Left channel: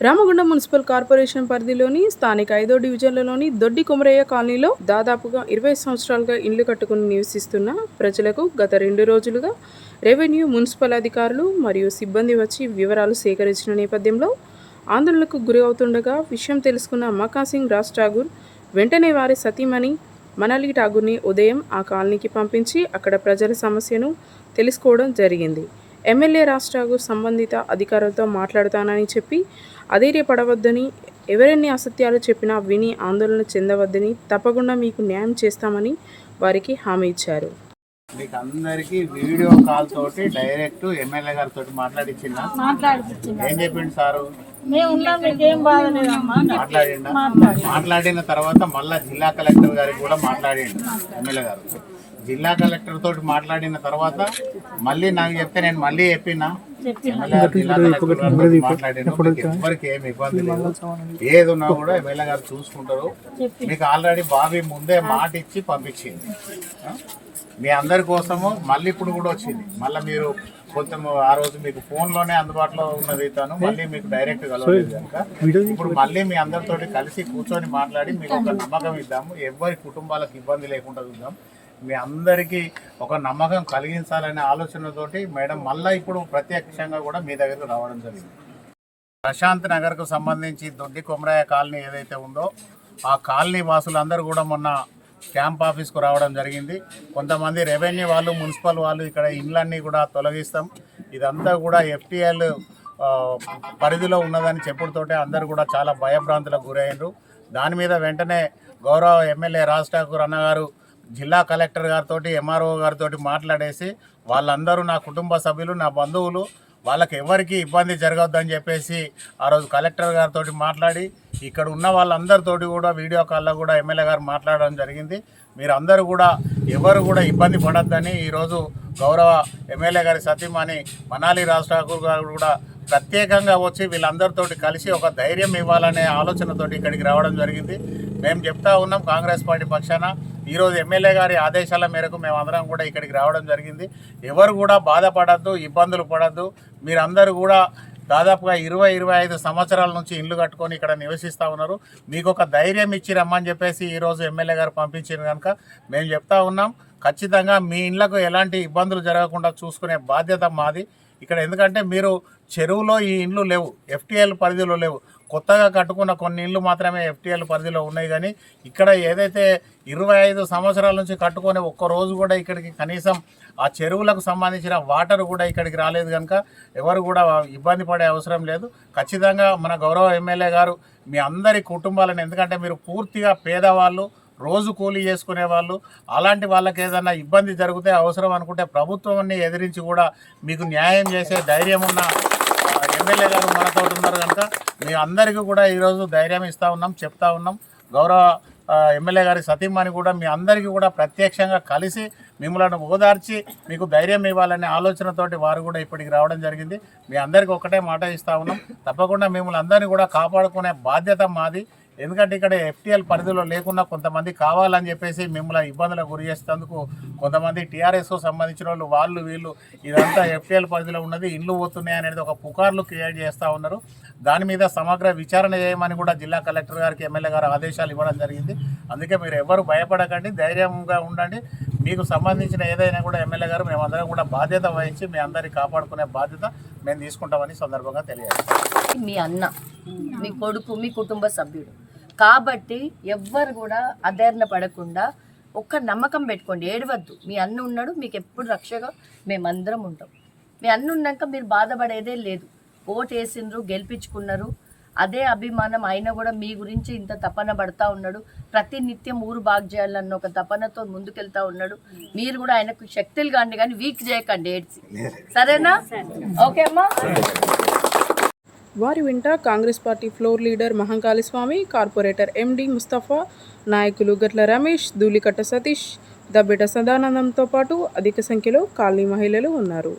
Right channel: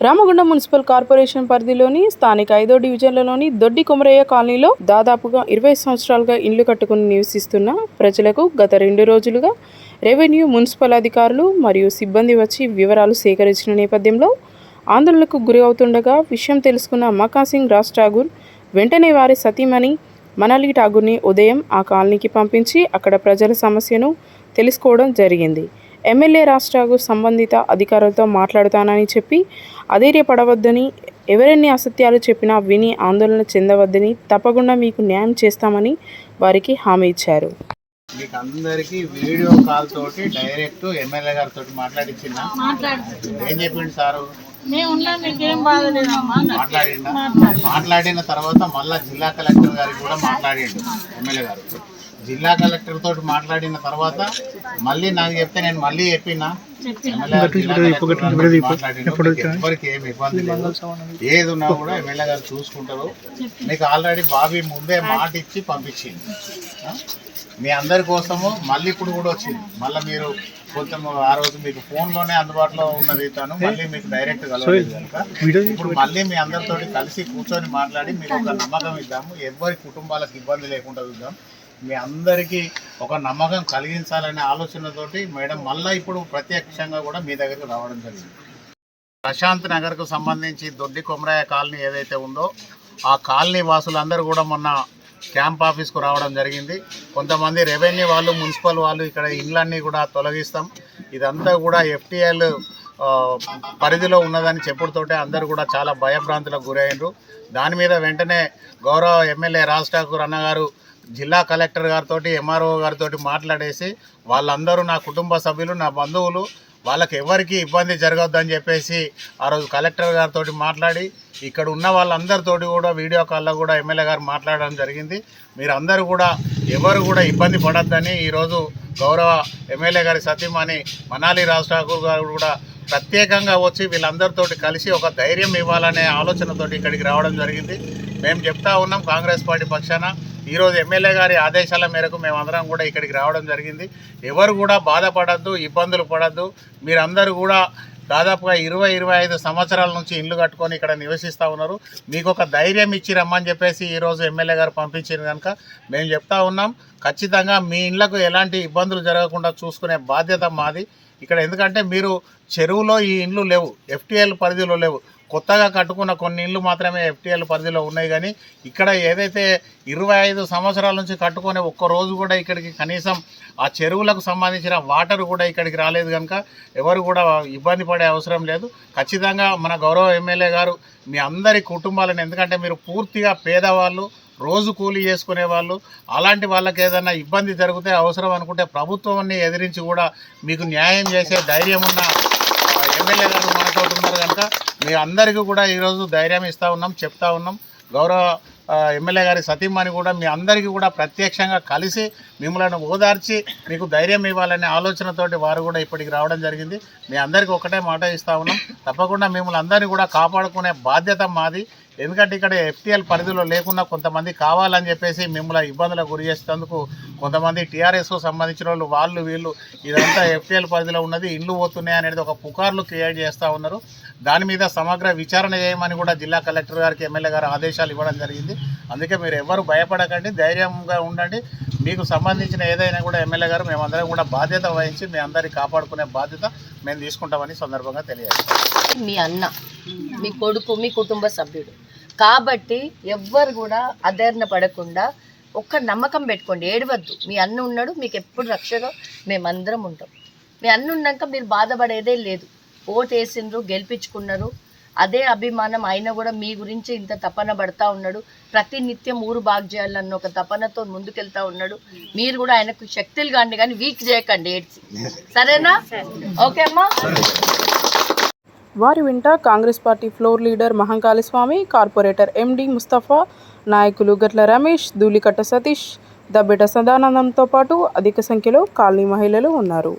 Ramagundam municipal corporation పరిధిలోని స్థానిక ఐదో డివిజన్లలోని దొడ్డి కుమరయ్య కాలనీలో దాదాపుగా ఇరవై సంవత్సరాలుగా ఇండ్లు కట్టుకుని నివసిస్తున్న ప్రజలకు గత రెండు రోజులుగా రెవెన్యూ మున్సిపల్ అధికారులు మరియు సిబ్బంది వచ్చి వివరాలు సేకరించిన నేపథ్యంలో ఆందోళనకు గురి అవుతుండగా విషయం తెలుసుకున్న మకాసింగ్ రాజ్ ఠాగూర్ వెంటనే వారి సతీమణి మనాలి ఠాగూర్ని ఉదయం ఆ కాలనీకి పంపించి అక్కడ ప్రజల సమస్యను తెలుసుకోవడం జరిగింది. ఎమ్మెల్యే రాజ్ ఠాగూర్ సంబంధిత అధికారులతో మాట్లాడుతానని చెప్పి అధైర్యపడవద్దని ఎవరెన్ని అసత్యాలు చెప్పినా విని ఆందోళన చెందవద్దని తప్పకుండా మీకు న్యాయం చేస్తామని వారికి హామీ ఇచ్చారు. మీకు అందరికి వీడియో కాల్ తోటి డైరెక్ట్ ఎమ్మెల్యే గారితో మాట్లాడిచ్చిన ఏం చెప్పిండు సారు? మేము ఉన్నాం మీకేం బాధ లేదమ్మా మాట్లాడిండా? మాట్లాడిన తర్వాత మళ్ళా జిల్లా కలెక్టర్ గారికి కూడా మాట్లాడిండు ఎమ్మెల్యే గారు. జిల్లా కలెక్టర్ తోటి మాట్లాడిన తర్వాత మళ్ళీ నాకు చెప్తే నేను మళ్ళీ చెప్పినా. ఎవ్వరికి ఏమి ఇబ్బంది లేదు. ఏది ఉన్నా కూడా ఎమ్మెల్యే గారు చూసుకుంటారు. మీకు ఆల్రెడీ బాబీ ముందే మాట ఇచ్చి పంపించింది? మీ అందరి కోసము మళ్ళీ ఇప్పుడు కూడా వచ్చింది. మళ్ళీ మీరు కొంచెం ఆ రోజు మీకు ఫోన్లోనే అందుబాటులో ఉన్నది తను మళ్ళీ మీకు డైరెక్ట్ కలవలేదు కనుక. ఇప్పుడు మళ్ళీ మీ అందరితోటి కలిసి కూర్చొని మాట్లాడి మీకు ఒక నమ్మకం ఇద్దాము. ఎవరి కుటుంబాలకు ఇబ్బంది లేకుండా చూద్దాం. మీ అందరికీ ఒక నమ్మకం కలిగించాలనే ఆలోచనతోటి మేడం మళ్ళీ ఇప్పుడు ప్రత్యక్షంగా కూడా మీ దగ్గరకు రావడం జరిగింది. ప్రశాంత్ నగర్కు సంబంధించి దొడ్డి కొమరాయ కాలనీ ఏదైతే ఉందో ఆ కాలనీ వాసులందరూ కూడా మొన్న క్యాంప్ ఆఫీస్కు రావడం జరిగింది. కొంతమంది రెవెన్యూ వాళ్ళు మున్సిపల్ వాళ్ళు ఇక్కడ ఇండ్లన్నీ కూడా తొలగిస్తాం. ఇదంతా కూడా ఎఫ్టీఎల్ పరిధిలో ఉన్నదని చెప్పుడుతోటే అందరూ కూడా చాలా భయభ్రాంతులకు గురైనరు దాని మీద వెంటనే గౌరవ ఎమ్మెల్యే రాజ్ ఠాకూర్ అన్నగారు జిల్లా కలెక్టర్ గారితో ఎంఆర్ఓ గారితో మాట్లాడేసి వాళ్ళందరూ నా కుటుంబ సభ్యులు నా బంధువులు వాళ్ళకి ఎవరికి ఇబ్బంది జరగవద్దని చెప్పేసి ఆ రోజు కలెక్టర్ గారితో మాట్లాడి ఇక్కడ ఉన్న వాళ్ళందరితోటి కూడా వీడియో కాల్లో కూడా ఎమ్మెల్యే గారు మాట్లాడడం జరిగింది. మీరు అందరూ కూడా ఎవరు కూడా ఇబ్బంది పడద్దని ఈరోజు గౌరవ ఎమ్మెల్యే గారి సతీమణి మనాలి రాజ్ ఠాకూర్ గారు కూడా ప్రత్యేకంగా వచ్చి వీళ్ళందరితోటి కలిసి ఒక ధైర్యం ఇవ్వాలనే ఆలోచనతోటి ఇక్కడికి రావడం జరిగింది. మేము చెప్తా ఉన్నాం కాంగ్రెస్ పార్టీ పక్షాన ఈరోజు ఎమ్మెల్యే గారి ఆదేశాల మేరకు మేమందరం కూడా ఇక్కడికి రావడం జరిగింది. ఎవరు కూడా బాధపడద్దు ఇబ్బందులు పడద్దు. మీరందరూ కూడా దాదాపుగా ఇరవై ఇరవై ఐదు సంవత్సరాల నుంచి ఇల్లు కట్టుకొని ఇక్కడ నివసిస్తూ ఉన్నారు. మీకు ఒక ధైర్యం ఇచ్చి రమ్మని చెప్పేసి ఈరోజు ఎమ్మెల్యే గారు పంపించారు కనుక మేము చెప్తా ఉన్నాం. ఖచ్చితంగా మీ ఇండ్లకు ఎలాంటి ఇబ్బందులు జరగకుండా చూసుకునే బాధ్యత మాది. ఇక్కడ ఎందుకంటే మీరు చెరువులో ఈ ఇండ్లు లేవు ఎఫ్టీఎల్ పరిధిలో లేవు. కొత్తగా కట్టుకున్న కొన్ని ఇళ్ళు మాత్రమే ఎఫ్టీఎల్ పరిధిలో ఉన్నాయి కానీ ఇక్కడ ఏదైతే ఇరవై ఐదు సంవత్సరాల నుంచి కట్టుకొని ఒక్క రోజు కూడా ఇక్కడికి కనీసం ఆ చెరువులకు సంబంధించిన వాటర్ కూడా ఇక్కడికి రాలేదు కనుక ఎవరు కూడా ఇబ్బంది పడే అవసరం లేదు. ఖచ్చితంగా మన గౌరవ ఎమ్మెల్యే గారు మీ అందరి కుటుంబాలను ఎందుకంటే మీరు పూర్తిగా పేదవాళ్ళు రోజు కూలీ చేసుకునే వాళ్ళు అలాంటి వాళ్ళకి ఏదైనా ఇబ్బంది జరిగితే అవసరం అనుకుంటే ప్రభుత్వాన్ని ఎదిరించి కూడా మీకు న్యాయం చేసే ధైర్యం ఉన్న ఎమ్మెల్యే గారు మనతో ఉన్నారు కనుక మీ అందరికీ కూడా ఈరోజు ధైర్యం ఇస్తూ ఉన్నాం చెప్తా ఉన్నాం. గౌరవ ఎమ్మెల్యే గారి సతీమణి కూడా మీ అందరికీ కూడా ప్రత్యక్షంగా కలిసి మిమ్మల్ని ఓదార్చి మీకు ధైర్యం ఇవ్వాలనే ఆలోచనతోటి వారు కూడా ఇప్పటికి రావడం జరిగింది. మీ అందరికీ ఒకటే మాట ఇస్తూ ఉన్నాం. తప్పకుండా మిమ్మల్ని అందరినీ కూడా కాపాడుకునే బాధ్యత మాది. ఎందుకంటే ఇక్కడ ఎఫ్టీఎల్ పరిధిలో లేకుండా కొంతమంది కావాలని చెప్పేసి మిమ్మల్ని ఇబ్బందులకు గురి చేసేందుకు కొంతమంది టీఆర్ఎస్ సంబంధించిన వాళ్ళు వాళ్ళు వీళ్ళు ఇదంతా ఎఫ్టీఎల్ పరిధిలో ఉన్నది ఇల్లు పోతున్నాయి అనేది ఒక పుకార్లు క్రియేట్ చేస్తూ ఉన్నారు. దాని మీద సమగ్ర విచారణ చేయమని కూడా జిల్లా కలెక్టర్ గారికి ఎమ్మెల్యే గారు ఆదేశాలు ఇవ్వడం జరిగింది. అందుకే మీరు ఎవరు భయపడకండి ధైర్యంగా ఉండండి. మీకు సంబంధించిన ఏదైనా కూడా ఎమ్మెల్యే గారు మేమందరం కూడా బాధ్యత వహించి మీ అందరికీ కాపాడుకునే బాధ్యత మేము తీసుకుంటామని సందర్భంగా తెలియజేస్తాం. మీ అన్న మీ కొడుకు మీ కుటుంబ సభ్యుడు. కాబట్టి ఎవ్వరు కూడా అధైర్ణ పడకుండా ఒక్క నమ్మకం పెట్టుకోండి. ఏడవద్దు. మీ అన్న ఉన్నాడు మీకు ఎప్పుడు రక్షగా మేమందరం ఉంటాం. మీ అన్న ఉన్నాక మీరు బాధపడేదే లేదు. ఓటు వేసిండ్రు గెలిపించుకున్నారు. అదే అభిమానం. అయినా కూడా మీ గురించి ఇంత తపన పడతా ఉన్నాడు. ప్రతి నిత్యం ఊరు బాగు చేయాలన్న ఒక తపనతో ముందుకెళ్తా ఉన్నాడు. మీరు కూడా ఆయనకు శక్తులు కాండి కానీ వీక్ చేయకండి ఏడ్చి. సరేనా? ఓకే అమ్మా. వారి వెంట Congress party floor leader Mahankali Swamy corporator MD Mustafa నాయకులు గట్ల రమేష్ ధూళికట్ట సతీష్ దబ్బెట సదానందంతో పాటు అధిక సంఖ్యలో కాలనీ మహిళలు ఉన్నారు.